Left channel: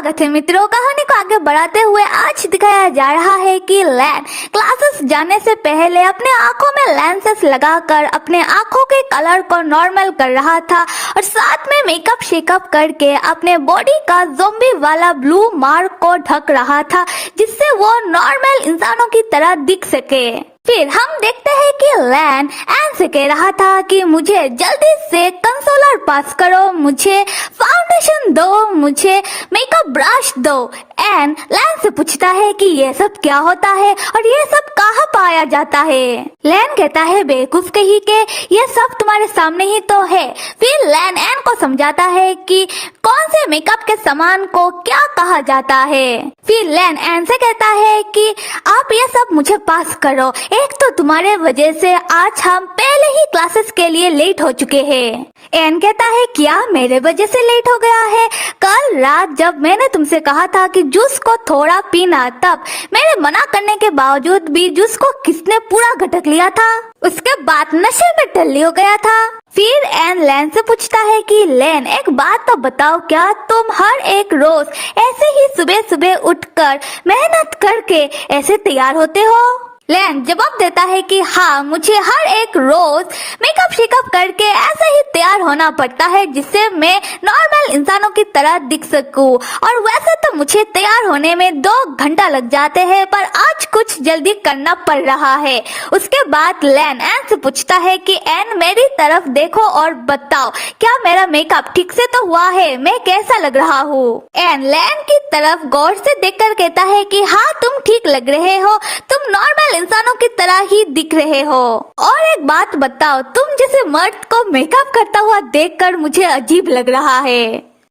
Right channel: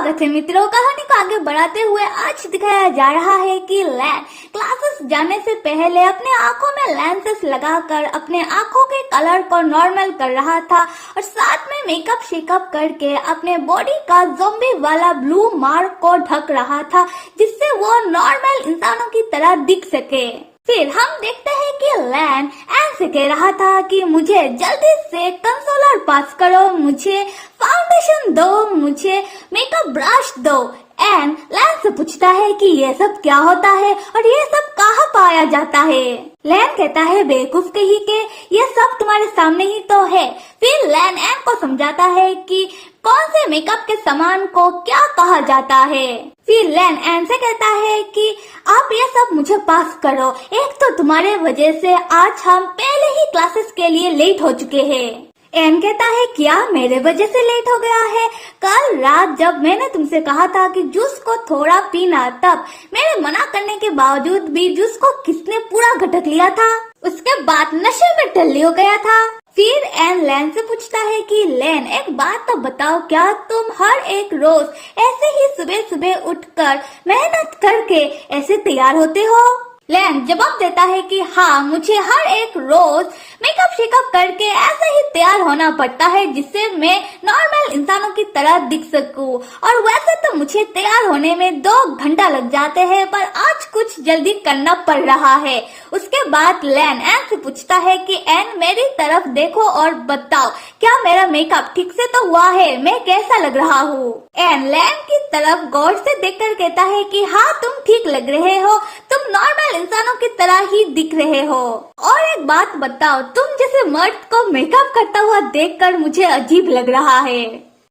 स्वागत है मित्रों। कहानी को आगे बढ़ाते हुए आज दिखाया जा रहा है कि लैन क्लासेस जाने से पहले अपने आंखों में लेंसेस लगाकर अपने आंखों के कलर को नॉर्मल कर रहा था और साथ में मेकअप शेकअप करके अपने बॉडी का ज़ोंबी वाला ब्लू मार्क को ढक रहा था, जिससे वो नॉर्मल इंसानों की तरह दिख सके। फिर हम देखते हैं कि लैन एन से कह रहा था कि मुझे जल्दी से कंसोलर पास करो, मुझे फाउंडेशन दो, मुझे मेकअप ब्रश दो। एन लैन से पूछता है कि ये सब क्या होता है और ये सब कहाँ पाया जाता है। लैन कहता है बेकुछ कही के ये सब तुम्हारे सामने ही तो है। फिर लैन एन को समझाता है कि कौन से मेकअप के सामान को क्या कहा जाता है। फिर लैन एन से कहता है कि आप ये सब मुझे पास करो, एक तो तुम्हारे वजह से आज हम पहले ही क्लासेस के लिए लेट हो चुके हैं। एन कहता है क्या मेरे वजह से लेट हो गया है? कल रात जब मैंने तुमसे कहा था कि जूस को थोड़ा पीना, तब मेरे मना करने के बावजूद भी जूस को किसने पूरा घटक लिया था? उसके बाद नशे में टल्ली हो गया था। फिर एन लैन से पूछता है कि लैन एक बात तो बताओ, क्या तुम हर एक रोज ऐसे ही सुबह सुबह उठकर मेहनत करके ऐसे तैयार होते हो? लैन जवाब देता है कि हाँ, मुझे हर एक रोज मेकअप शेकअप करके ऐसे ही तैयार होना पड़ता है जिससे मैं नॉर्मल इंसानों की तरह दिख सकूं। और वैसे तो मुझे तैयार होने में 2 घंटा लग जाते हैं, पर आज कुछ जल्दी करना पड़ रहा है। उसके बाद लैन एन से पूछता है कि एन मेरी तरफ देखो और बताओ क्या मेरा मेकअप ठीक से तो हुआ है, मैं कैसा लग रहा हूँ? एन लैन की तरफ गौर से देखकर कहता है कि हाँ, तुम ठीक लग रहे हो, तुम नॉर्मल इंसानों की तरह ही दिख रहे हो। और एक बात बताओ, तुम जैसे मर्द को मेकअप करता हुआ देखकर मुझे अजीब लग रहा है।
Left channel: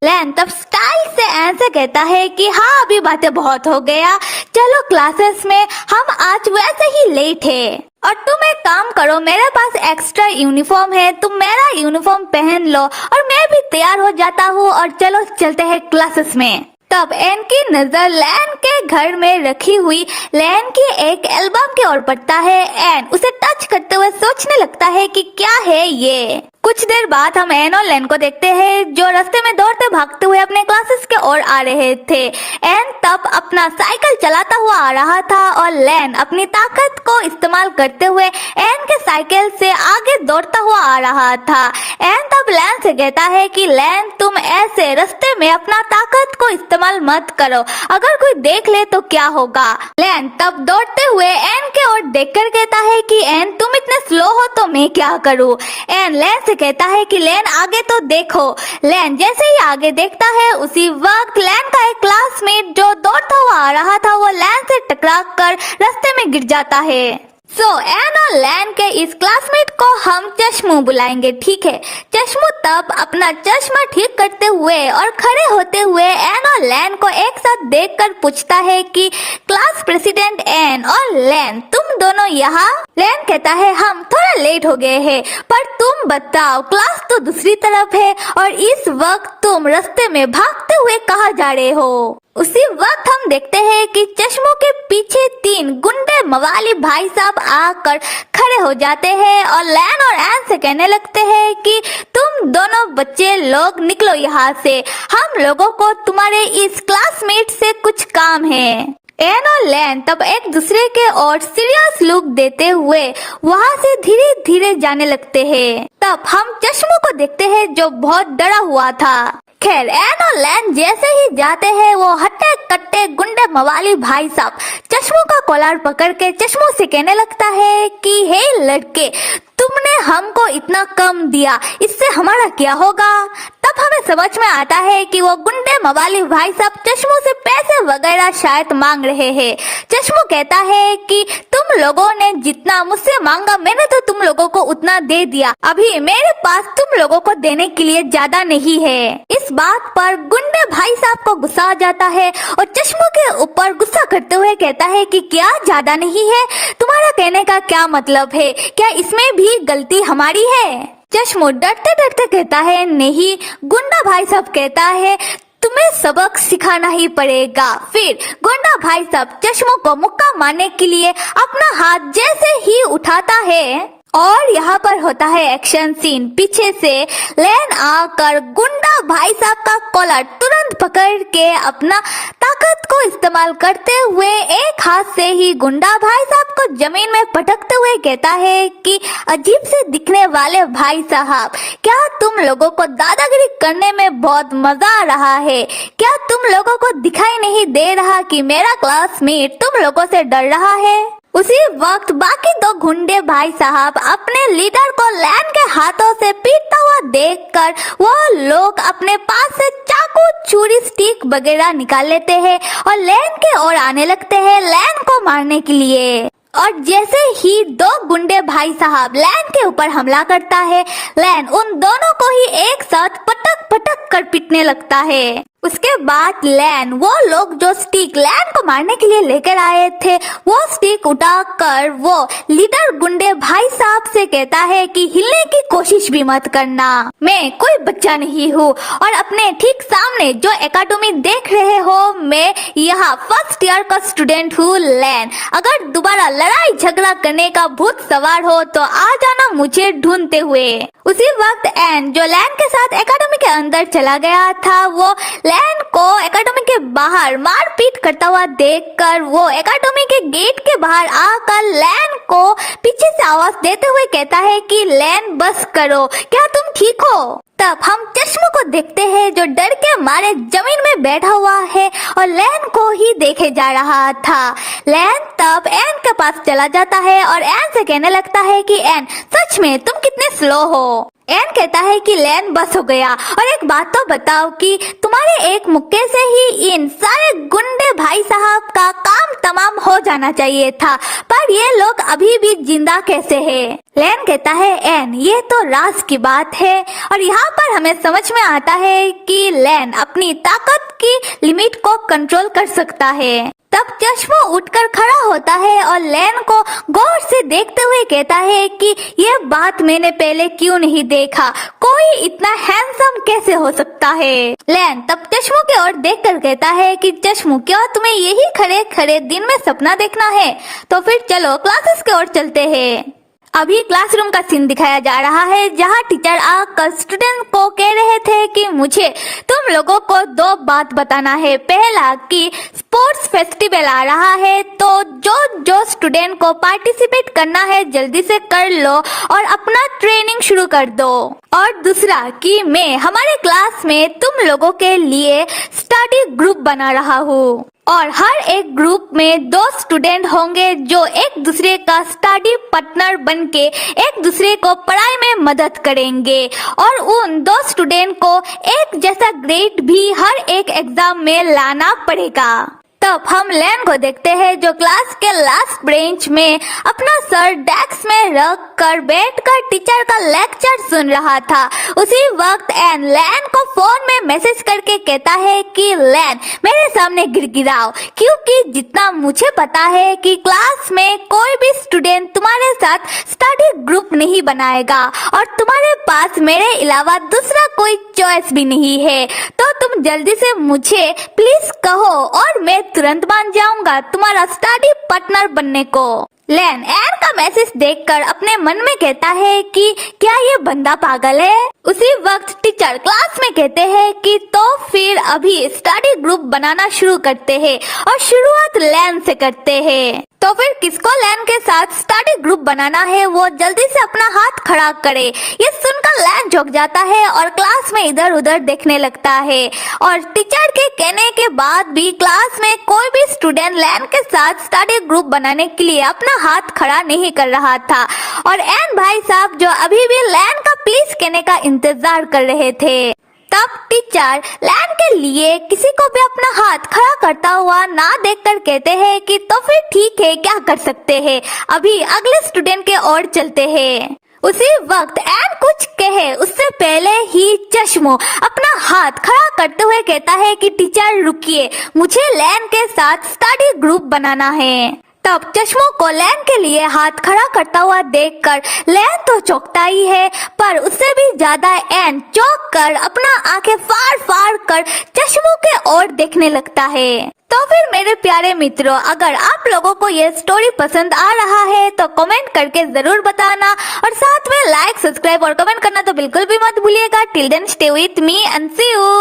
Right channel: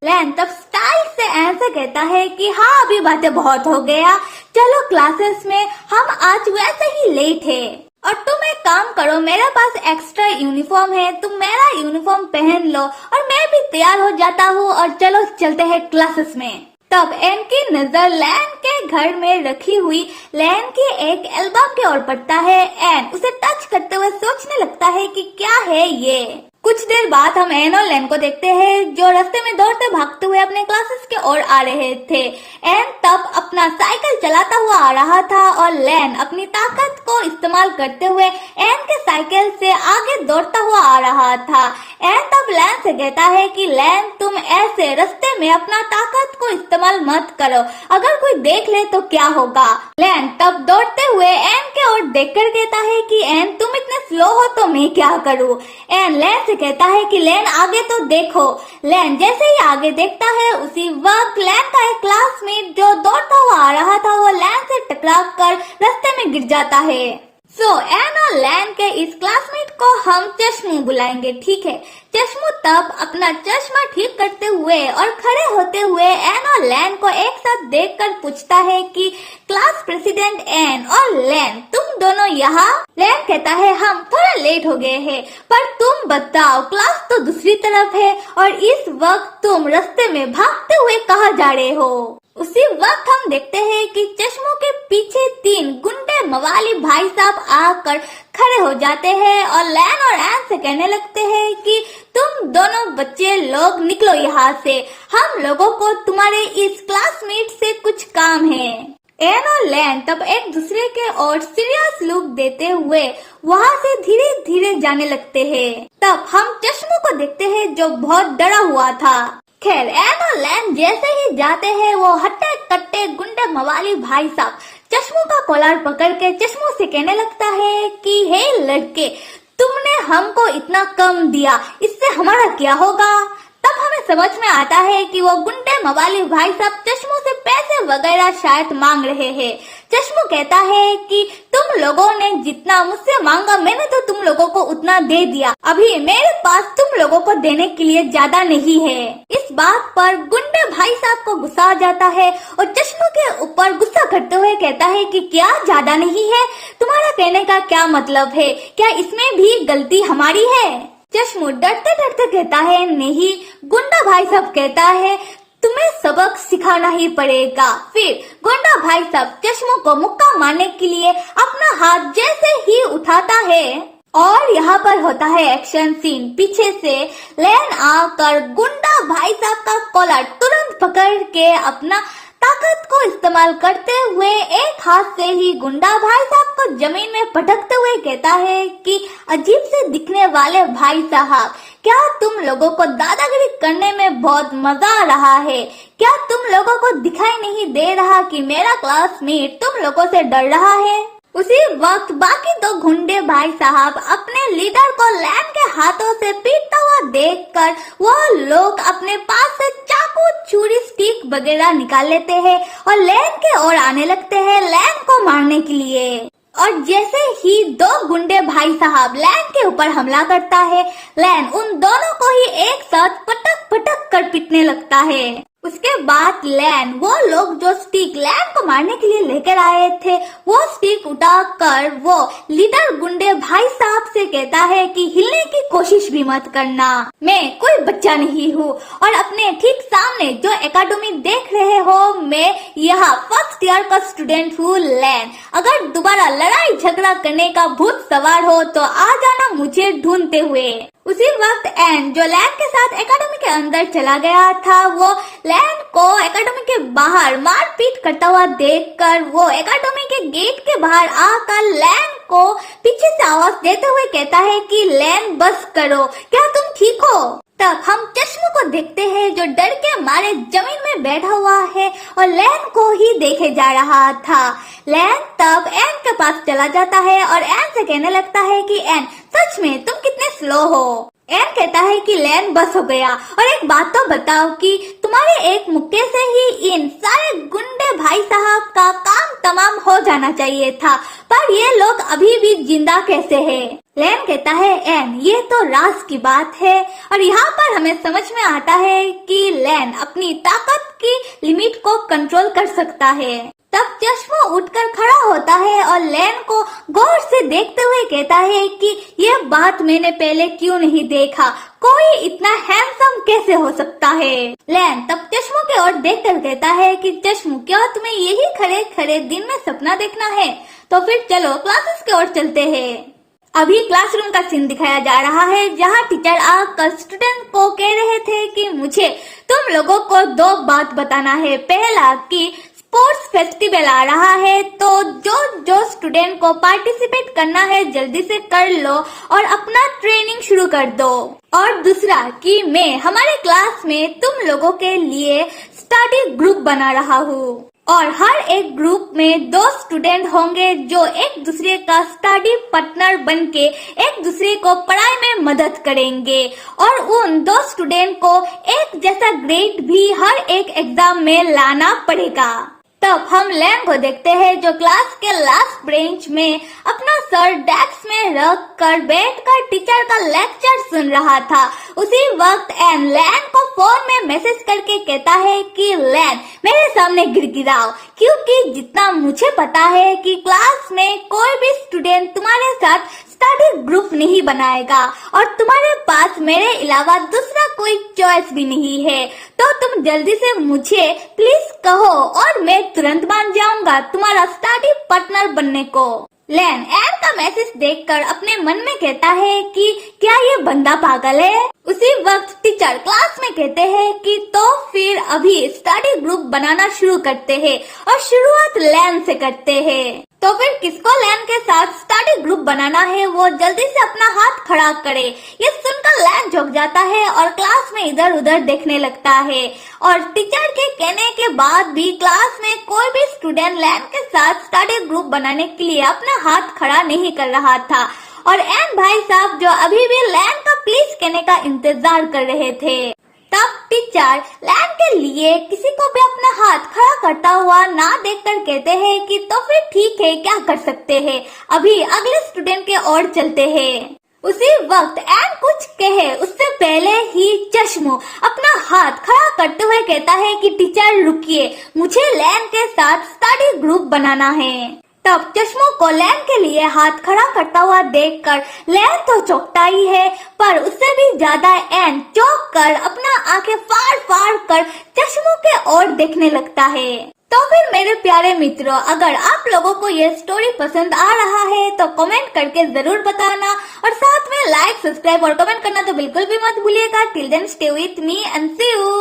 लैन तब स्टाइल से एन से कहता है कि हाँ, अभी बातें बहुत हो गया, चलो क्लासेस में हम आज वैसे ही लेट है। और तुम एक काम करो, मेरे पास एक्स्ट्रा यूनिफॉर्म है, तुम मेरा यूनिफॉर्म पहन लो और मैं भी तैयार हो जाता हूँ और चलो चलते हैं क्लासेस में। तब एन की नजर लैन के घर में रखी हुई लैन की एक एल्बम की ओर पड़ता है। एन उसे टच करते हुए सोचने लगता है कि क्या है ये। कुछ देर बाद हम एन और लैन को देखते हैं जो रास्ते में दौड़ते भागते हुए अपने क्लासेस के ओर आ रहे थे। एन तब अपना साइकिल चलाता हुआ आ रहा था और लैन अपनी ताकत को इस्तेमाल करते हुए एन के साइकिल से आगे दौड़ता हुआ आ रहा था। एन तब लैन से कहता है कि लैन तुम ऐसे रास्ते में अपना ताकत को इस्तेमाल मत करो, अगर कोई देख ले तो क्या होगा? लैन तब दौड़ते हुए एन के ओर देखकर कहता है कि एन तुम इतने स्लो हो तो मैं क्या करूं? एन लैन से कहता है कि लैन आगे तो देखो। लैन जैसे ही आगे देखता है उसी वक्त लैन का एक क्लासमेट जो दौड़ता हुआ आ रहा था वो लैन से टकरा कर रास्ते में गिर जाता है। एन और लैन के इस क्लासमेट को हम चश्मू बुलाएंगे, ठीक है? चश्मू तब अपना चश्मा ठीक करते हुए और खड़े होते हुए एन और लैन को एक साथ देखकर पूछता है कि क्लास प्रेसिडेंट एन और लैन तुम दोनों यहाँ? लैन कहता है हम थोड़ा लेट हो गए हैं, पर तुम बताओ क्लास तो दूसरी तरफ है और इस वक्त तुम रास्ते में भागते हुए कहाँ जा रहे हो? उसी वक्त हम देखते हैं कि चश्मों के पीछे 3 गुंडे मवाली भाई साहब आकर खड़े हो जाते हैं और लैन और एन से कहने लगते हैं कि तुम दोनों बच्चे लोग निकलो यहाँ से, हम लोगों को तुम्हारे इस क्लासमेट से कुछ काम है। एन और लैन तब एक दूसरे के ओर सीरियस लुक देते हुए वहाँ से धीरे धीरे जाने लगते हैं। तब हम चश्मों को देखते हैं जो बहुत डरा हुआ था। खैर एन और लैन जैसे ही जाते हैं वो हट्टे कट्टे गुंडे मवाली भाई साहब चश्मों का कॉलर पकड़ के चश्मों से कहने लगता है कि हे लड़के, तुमने हमको इतना कम दिया, इससे हमारा क्या होगा? तब हमें समझ में आता है कि वो गुंडे मवाली भाई साहब चश्मों से पैसे वगैरह शायद मांग रहे हैं। चश्मू कहता है कि तुम लोगों ने जितना मुझसे मांगा मैंने तो तुम लोगों को उतना दे दिया, अभी मेरे पास तुम लोगों को देने के लिए ज्यादा नहीं है। इस बात पर गुंडे भाई साहब को गुस्सा आ जाता है और चश्मू के ऊपर गुस्सा करते हुए कहता है कि क्या ज्यादा नहीं है? तुम्हारा कहने का क्या मतलब है? क्या इसमें भी गलती हमारी है? चश्मू डरते डरते कहता है नहीं। गुंडा भाई साहब कहता है तुम्हें सबक सिखाना ही पड़ेगा। फिर गुंडा भाई साहब चश्मू को मुक्का मारने के लिए अपना हाथ जैसे ही उठाता है और यहाँ पर होता है एक्शन सीन। पीछे से लैन आकर गुंडा भाई साहब का कॉलर तुरंत पकड़ के अपना ताकत को इस्तेमाल करते हुए एक हाथ से ही गुंडा भाई साहब को जमीन में पटकते हुए कहता है कि अजीब से दिखने वाले भाई साहब, क्या तुम लोगों को दादागिरी करने में बहुत मजा आ रहा है? क्या तुम लोगों को दिखाई नहीं दे रहा कि मेरा क्लासमेट तुम लोगों से डर रहा है? उसी वक्त बाकी दो गुंडे भाई साहब अपने लीडर को लैन के हाथों से पीटता हुआ देखकर वो लोग अपने पास से चाकू, छुरी, स्टिक वगैरह निकाल लेते हैं और लैन के ओर आने लगते हैं लैन को मारने के लिए। और जैसे ही दो गुंडे भाई साहब लैन के ऊपर हमला करता है, लैन उन दोनों को ही एक साथ पटक पटक कर पीटने लगता है। उसके बाद लैन वो लोग जो स्टिक लैन को मारने के लिए लेकर आए थे वो स्टिक उठाकर वो लीडर गुंडे भाई साहब से कहता है कि हिलने की कोशिश भी मत करना, मैं कोई बच्चा नहीं हूँ और अपने ठीक सामने जो एकेडमी देख रहे हो मैं यहाँ फर्स्ट ईयर का स्टूडेंट हूँ लैन। अगर दोबारा लड़ाई झगड़ा करने का भूत सवार हो तो आ जाना मुझे ढूंढते हुए। उसी वक्त एन जो लैन के साथ एकेडमी के अंदर चला गया था वो लैन को एकेडमी के बाहर मारपीट करता हुआ देखकर वो एकेडमी के गेट के बाहर आकर लैन को पीछे से आवाज देते हुए कहता है कि लैन बस करो, क्या तुम ठीक हो? तब हम चश्मों को देखते हैं जो डर के मारे जमीन में बैठा हुआ है और लैन को ही देखे जा रहा था। लैन तब एन के पास चला जाता है और एन से कहने लगता है कि एन सच में तुम कितने स्लो हो। एन कहता है कि लैन बस हो गया और एक बात तो बताओ कि तुम्हारे एक मुक्के से ही इन सारे गुंडे भाई साहब का काम तमाम हो जाना चाहिए था, पर ये लोग अभी भी जिंदा कैसे हैं? लैन कहता है एन ये तो राज की बात है। और यहाँ पर हमें समझ में आता है कि लैन अपनी ताकत की लिमिट को कंट्रोल कर सकता है। तब चश्मो उठकर खड़ा होता है और लैन को गौर से देखते हुए कहता है कि ये बात मैंने पहले क्यों नहीं देखा, कोई इतना हैंडसम कैसे हो सकता है? लैन तब चश्मो की ओर देखकर कहता है कि चश्मो क्या तुम्हें यही खड़े खड़े दिन में सपना देखना है? तो फिर चलो क्लासेस की ओर चलते हैं। अभी क्लासरूम का सीन दिखाया जा रहा है जहाँ टीचर आकर स्टूडेंट को कह रहे थे कि मुझे तुम लोगों को दो बात बताना है। पहला कि स्पोर्ट्स फेस्टिवल आ रहा है तो जो स्टूडेंट को पार्टिसिपेट करना है जल्दी से कर लो और अपना ट्रेनिंग शुरू कर दो। और दूसरा कि मैं हमारे क्लास में तुम लोगों के लिए स्टडी ग्रुप बना रहा हूँ और हर एक ग्रुप में दो स्टूडेंट होंगे जो एक दूसरे का स्टडी पार्टनर बनके एक दूसरे को पढ़ाई में मदद करेंगे और उन दो स्टूडेंट को एक जैसा ग्रेड भी हर एक एग्जाम में लाना पड़ेगा। तब हम लैन को देखते हैं जो क्लास के लास्ट बेंच में अपना सर डेस्क में रख कर बैठकर टीचर का लेक्चर सुन रहा था। उसी वक्त एन लैन को फोन में मैसेज करके कहता है कि लैन मेरे सामने गिड़गिड़ाओ, क्योंकि जितना मुझे पता है कि क्लास में कोई भी स्टूडेंट तुम्हारे साथ स्टडी ग्रुप नहीं बनाएगा और तुम्हारे पास मेरे अलावा दूसरा कोई चॉइस भी नहीं है, तो तुम जल्दी से मुझे प्लीज कहो और मैं तुरंत मान जाऊंगा तुम्हारा स्टडी पार्टनर बनने को। लैन एन का मैसेज देखकर अपने मन में कहता है कि क्या ये बंदा पागल है? उसी वक्त टीचर क्लास में कहते हैं कि तो फिर अभी स्टडी ग्रुप बनाना शुरू करते हैं और शुरुआत लैन से करते हैं। तो फिर किसको लैन के साथ स्टडी ग्रुप बनाना है वो जल्दी से अपना हाथ खड़ा करे। ये सुनकर लैन झुक जाता है और क्लास में इधर उधर देखने लगता है और टीचर के कहने के बाद भी क्लास में कोई भी स्टूडेंट लैन के साथ स्टडी ग्रुप बनाने के लिए अपना हाथ खड़ा नहीं कर रहा था और एन भाई साहब जो अभी भी लैन का प्लीज कहने का इंतजार कर रहे थे। तब टीचर लैन के लिए किसी को भी अपना हाथ खड़ा करता हुआ ना देखकर कहते हैं कि तो फिर ठीक है, क्या कर सकते हैं, अभी अगले स्टूडेंट के ओर चलते हैं। उसी वक्त एन कुछ कहे उससे पहले ही चश्मो अपना हाथ खड़ा करते हुए कहता है कि टीचर रुकिए, मुझे लैन के साथ स्टडी ग्रुप बनाना है। तब चश्मों को लैन के लिए हाथ खड़ा करता हुआ देखकर लैन तो चौंकता ही है, पर उससे भी ज्यादा एन चौंक कर अपना आंखें फाड़ फाड़ कर चश्मों के ओर देखने लगता है। तो तो फिर मेरे प्यारे मित्रों, अगर आप लोगों को ये स्टोरी पसंद आ रहा है तो कमेंट करके जरूर बताना, और साथ में लाइक, सब्सक्राइब और कमेंट करना तो बिल्कुल भी मत भूलिएगा। Till then stay with me and see you.